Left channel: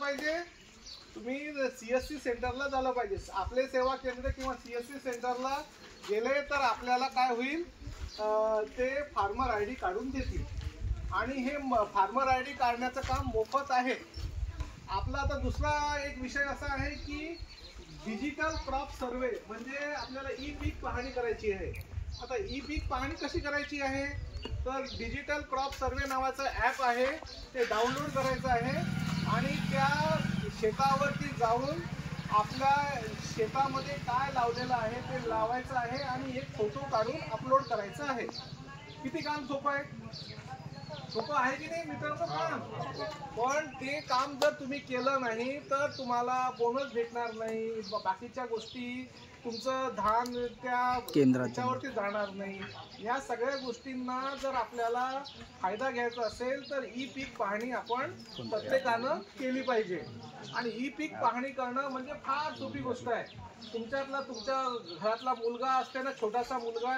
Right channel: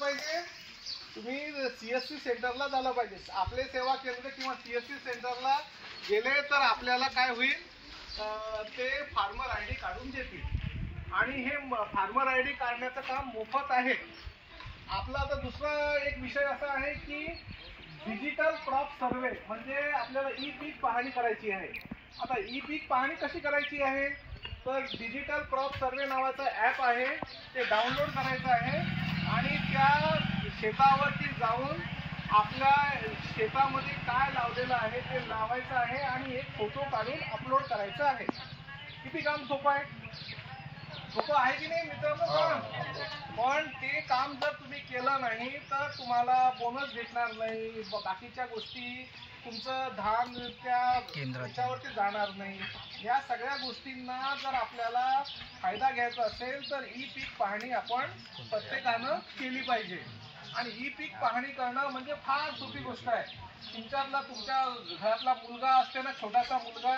पाहिजे तुम्ही CSC सेंटरला झालं पाहिजे. आपले सेवा केंद्र किंवा CSC सेंटरला गेले तर आपल्याला काय होईल, ते फार्मर ID काढून देतील आणि हे फार्मर ID काढण्याचं काम मोफत आहे. आपला आता दुसरा एक विषय असा आहे की डिजिटल क्रॉप सर्वे, म्हणजे आपल्याला ई-पीक पाहणी करायची आहे. आता ई-पीक पाहणी कशी करायची आहे, तर डिजिटल क्रॉप सर्वे नावाचं ॲप आहे, ते डाउनलोड करायचं आहे आणि त्या शेतावरती जाऊन आपल्या शेतामध्ये काय लावलेलं आहे ते लावायचं आहे आणि एक फोटो काढून अपलोड करायचं आहे. किती काम सोपं आहे, सोपं आहे की नाही मित्रांनो? पण ते काम जर तुम्ही केलं नाही तर तुम्हाला बोनस भेटणार नाही, बाकीच्या गोष्टी तुमचं धान त्या त्याच्यावरती जाणार नाही. या सगळ्या गोष्टींना जर आपल्याला फायदा घ्यायचा असेल तर ई-पीक पाहणी आपण प्रत्येकानं केली पाहिजे. आणि ई-पीक पाहणी करणं म्हणजे फार सोपी गोष्ट आहे. तुमच्या घरातला मुलगा असते ना, छोटासा मुलगा,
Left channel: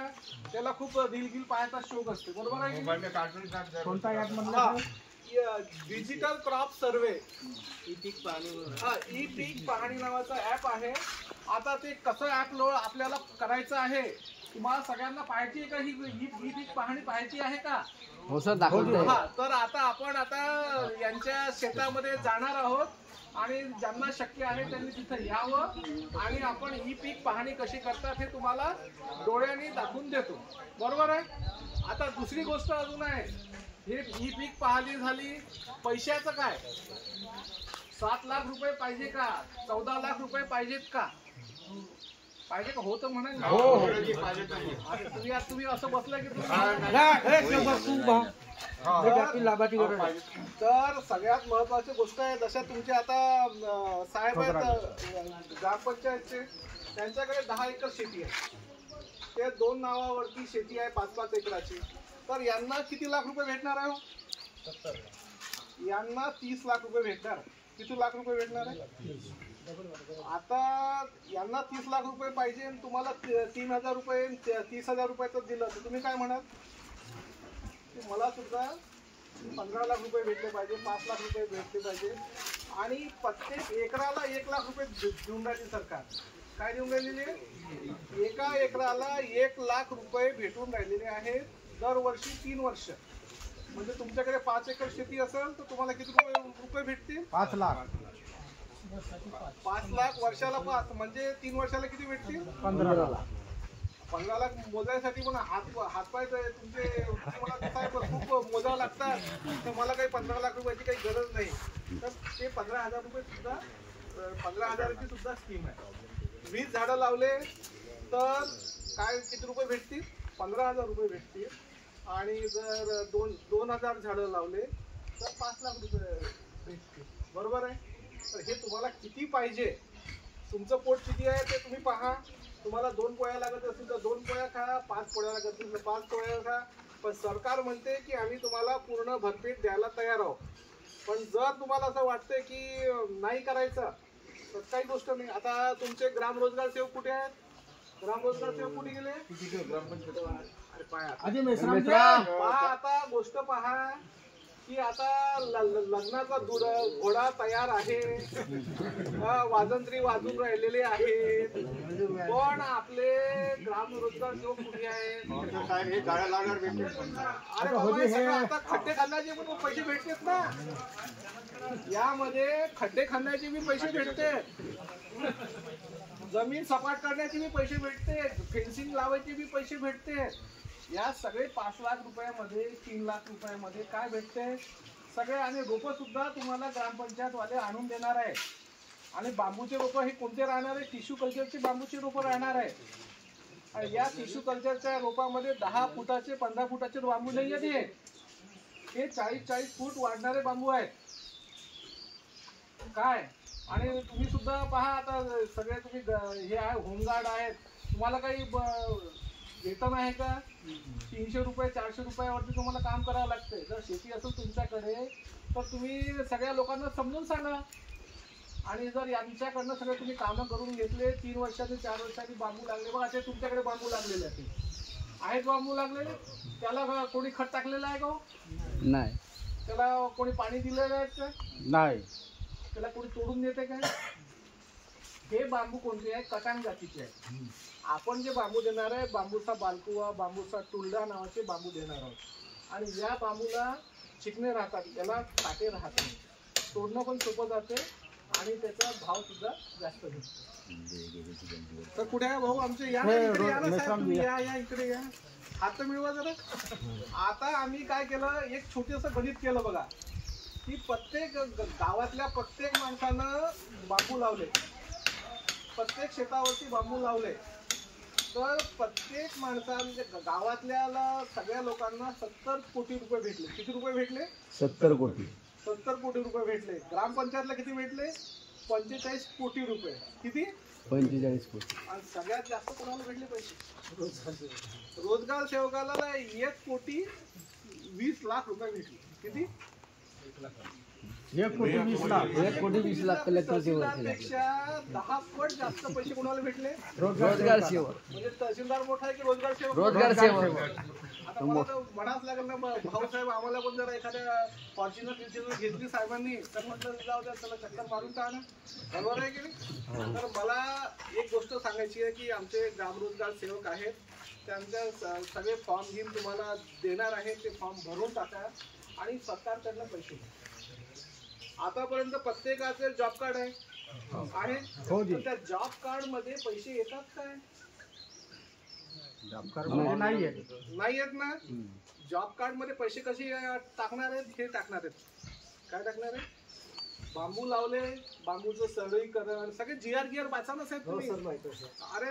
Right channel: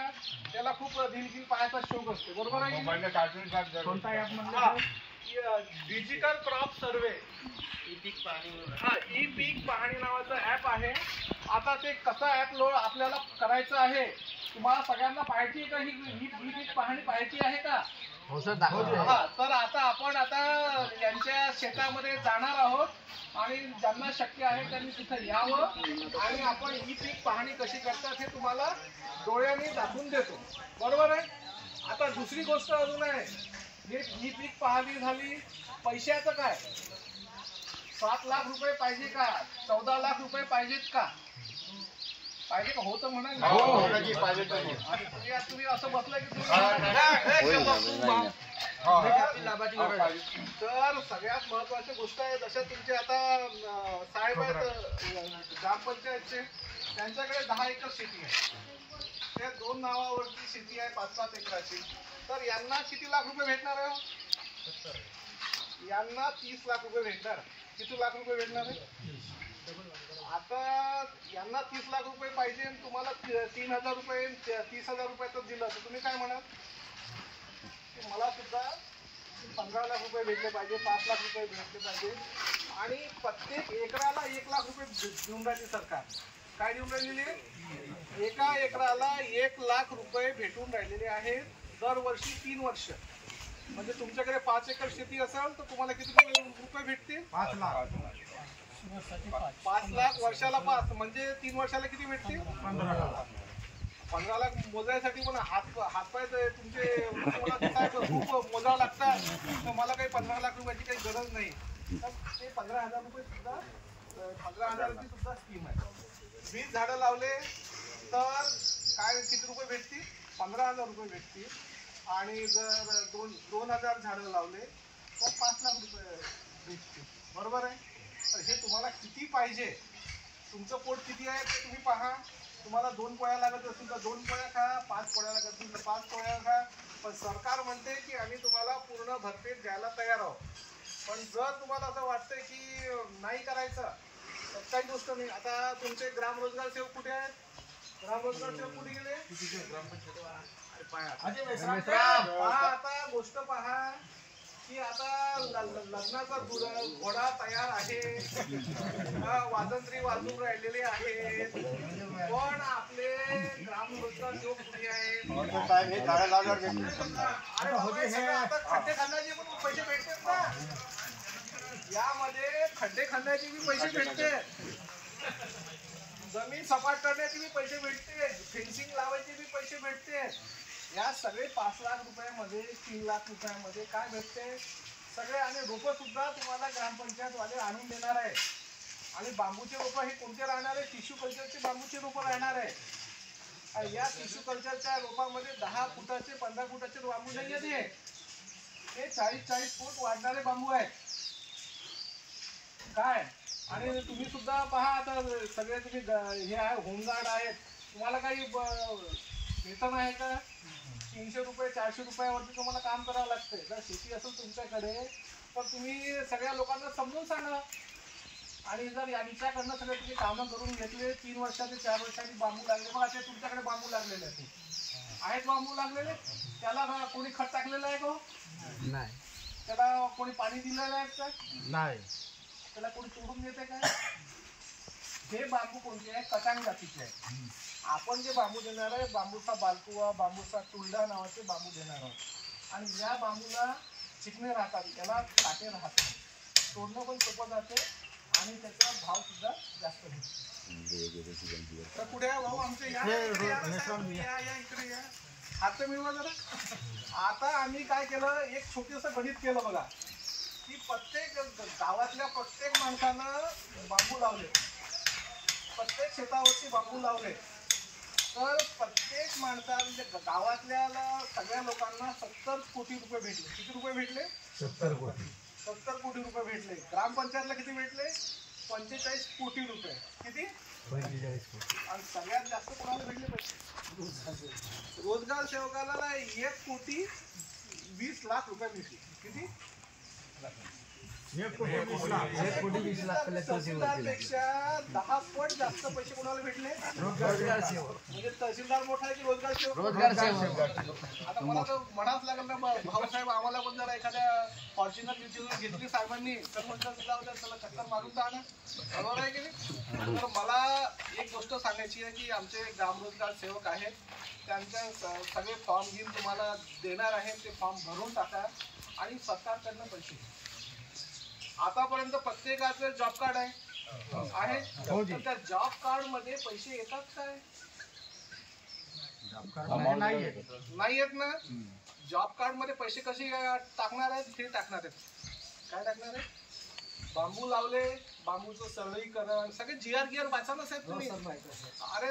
त्याला खूप रील पाहायचा शौक असते, बरोबर आहे? डिजिटल क्रॉप सर्वे ई-पीक पाहणी नावाचं ॲप आहे. आता ते कसं ॲप आपल्याला करायचं आहे, तुम्हाला सगळ्यांना पाहायची आहे का ही ई-पीक पाहणी पाहायची आहे का? हो सर, दाखवतो. हा, तर आपण यांच्या शेतामध्ये जाणार आहोत आणि ज्यांना शक्य आहे त्यांनी तिथं यावं आणि आपण ई-पीक पाहणी कशी करतात हे तुम्हाला डोळ्यांनी दाखवून देतो, बरोबर आहे? आता दुसरी गोष्ट अजून आहे, हे ई-पीक पाहणी झाली. पैशाचं काय, 7 लाख रुपये पाहिजे का, 14 लाख रुपये पाहिजेत का, पाहिजे का? होतं म्हणा. तुम्ही असं बसलं की तर सगळ्यात महत्वाची गोष्ट आहे, जशा तुमचे आता साहेब आहेत ग्रामपंचायतचे, त्यांच्याकडे 10 एकर शेती आहे, ते 2 नावावरती शेती आहे 5-5 एकराची. तर यांना किती लाख रुपये भेटणार आहे? यांना 30 लाख रुपये भेटणार. किती लाख रुपये भेटणार आहे? आता यांना 30 लाख रुपये पाहिजे आणि तुम्हाला 3,000 रुपये 30,000 रुपयाचं दिलं तर तुम्ही काय म्हणाल? मला सुद्धा 15 लाख रुपये भेटले पाहिजे, 5 लाख रुपये भेटले पाहिजे. आणि प्रत्येक एकराला 1 लाख रुपये देऊन राहिली सरकार. काय देऊन राहिलेली आहे? एका एकराला 1 लाख रुपये भेटून राहिलेले आहेत दरवर्षी 3 वर्ष. म्हणजे तुमच्याकडे 5 एकर शेती असेल तर तुम्हाला किती रुपये भेटतील? 5 लाख. 5 लाख वर्षाला 5 म्हणजे 3 वर्षाला किती भेटतील? 15 लाख मोजायसाठी पण हातपाय तुमचे खूप मोजावं लागतात. तर मला काही 15 लाख रुपयाची काही गरज नाही. तर ते 15,000 रुपये सुद्धा 15,000ची सुद्धा स्कीम आहे. 20 झाडं लावले तर काय किती रुपये भेटतील? 15,000 रुपये भेटतील. आणि जर 2,000 झाडं लावले तर 5 लाख रुपये भेटतील, बरोबर आहे? तर हे तुम्हाला किती पाहिजे, तुमचं पोट किती आहे ते तुम्ही पहा. तुम्हाला 2 पोळ्या लागत असतील तर 2 पोळ्या खा, 5 पोळ्या लागत असतील तर 5 पोळ्या खा. पण सरकार म्हणते की आम्ही तुम्हाला पूर्ण भरपेट द्यायला तयार आहोत. पण जर तुम्हाला असं वाटतंय की नाही करायचं तर काही गोष्ट नाही. आता तुमचे ग्रामरोजगार सेवक कुठे आहेत? ग्रामरोजगार सेवक कुठे गेले? आता गोष्ट पहा की आता लग्नाचा घोडा तयार आहे, वाजंत्री वाजून राहिलेले आहेत, पण आपले ग्रामरोजगार सेवक कुठे आहेत? खड्डे खणण्याचे पण पैसे भेटतात ना, यामध्ये खड्डे खणण्याचे बी पैसे भेटते, जमीन सपाट करण्याचे बी पैसे भेटते, फेन्सिंग लावायचे बी पैसे भेटते. या सगळे 5 लाख रुपयामध्ये 3 लाख रुपयामध्ये काय भेटते सगळे. आणि रोपं सुद्धा तुम्हाला ग्रामपंचायतवाले आणून देणार आहे. आणि बांबूचे रोपं हे कोणते राहणार आहे? टिश्यू कल्चरचे बांबूचे रोपं राहणार आहे. आणि या टिश्यू कल्चरच्या रोपामध्ये 10 फुटाचे 15 फुटाचे बांबू नाही आहेत, हे 40-40 फूट वाढणारे बांबू आहेत काय. आणि तुम्ही सुद्धा पहा, आता सगळे तुम्ही हे आहे होमगार्ड आहेत, तुम्हाला काही वेतन आहे का? 300 रुपये 400 रुपयावरती तुम्हाला काम करावं लागतंय. जर शेती असेल तुमच्याकडे तर तुम्ही सगळ्या लोकांना समजून सांगा. आणि जर यांच्याकडनं सगळे तुम्ही कामं करून घेतले, 3 वर्षाचे 4 वर्षाचे बांबू लागले, बघा ते तुमच्याकडे बांबू लागलेले आहेत बांबू लागलेले, त्याला कोणी खत टाकलेलं आहे का? नाही. त्याला कोणी पाणी दिलेलं आहे का? नाही. त्याला कोणी तोडून देते काय? हे बांबू कोणते आहे? कटांग जातीचे आहे. आपण जे बांबू देणार आहे बांबूचा बालकुवा, बांबूचा टुलडा नावाचे बांबू देणार आहोत. आणि या बांबूला चिकणे राहतात, याला काटे राहत नाही. तोडणं पण सोपं जाते आणि त्याचा भाव सुद्धा जास्त भेटतो. तर पुढे भाऊ आमचे या इकडे या ना साहेब, तुम्ही या इकडे या, हात मिळवा जरा. आता आम्ही काय केलं, एक छोटंसं गणित केलं बघा, की प्रत्येक गावातल्या प्रत्येक माणसानं बांबू लावले, प्रत्येक शेतावरती बांबू लावले, तर प्रत्येक माणसाने गावातल्या सगळ्या लोकांना 70 कोटी रुपये भेटले. किती रुपये भेटले? 70 कोटी. 70 कोटी रुपये भेटले. ग्रामपंचायतला किती भेटले? 45 कोटी रुपये. किती? 45 कोटी. आणि सगळ्यात जास्त कोणाला भेटले पैसे? रोजगार सेवकाला 1,20,00,000 रुपये भेटले. किती? 1,20,00,000 तहसीलदारपेक्षा 10 पट जास्त पैसे कोणाला भेटले? रोजगार सेवक. म्हणजे तहसीलदार मोठा आहे की रोजगार सेवक? रोजगार सेवक. आता मला तर म्हणावंच लागेल ना भाऊसाहेब, आम्हाला पण जर एखाद्या फॉर्च्युनर घेतली साहेबांनी तर म्हटलं जाऊ द्या, चला चक्कर मारून तर आणा. बरोबर आहे की नाही? तर मला एक गोष्ट सांगायची आहे की आमचे ग्रामरोजगार सेवक आहेत, त्यांच्या सगळे फॉर्म घेऊन तुम्हाला देणार आहे. ते फॉर्म भरून टाका आणि सरकारकडनं पैसे घ्या. आतापर्यंत प्रत्येकाचं जॉब कार्ड आहे, तर त्या जॉब कार्ड मध्ये पैसे येतात काय? नाही येत ना. जॉब कार्ड मध्ये पैसे कसे टाकणार आहेत? हे टाकणार आहेत. काय टाकणार आहे? बांबू लावले, बांबूचं सरळीकरण, सगळे GR वाचा ना साहेब तुम्ही. अरे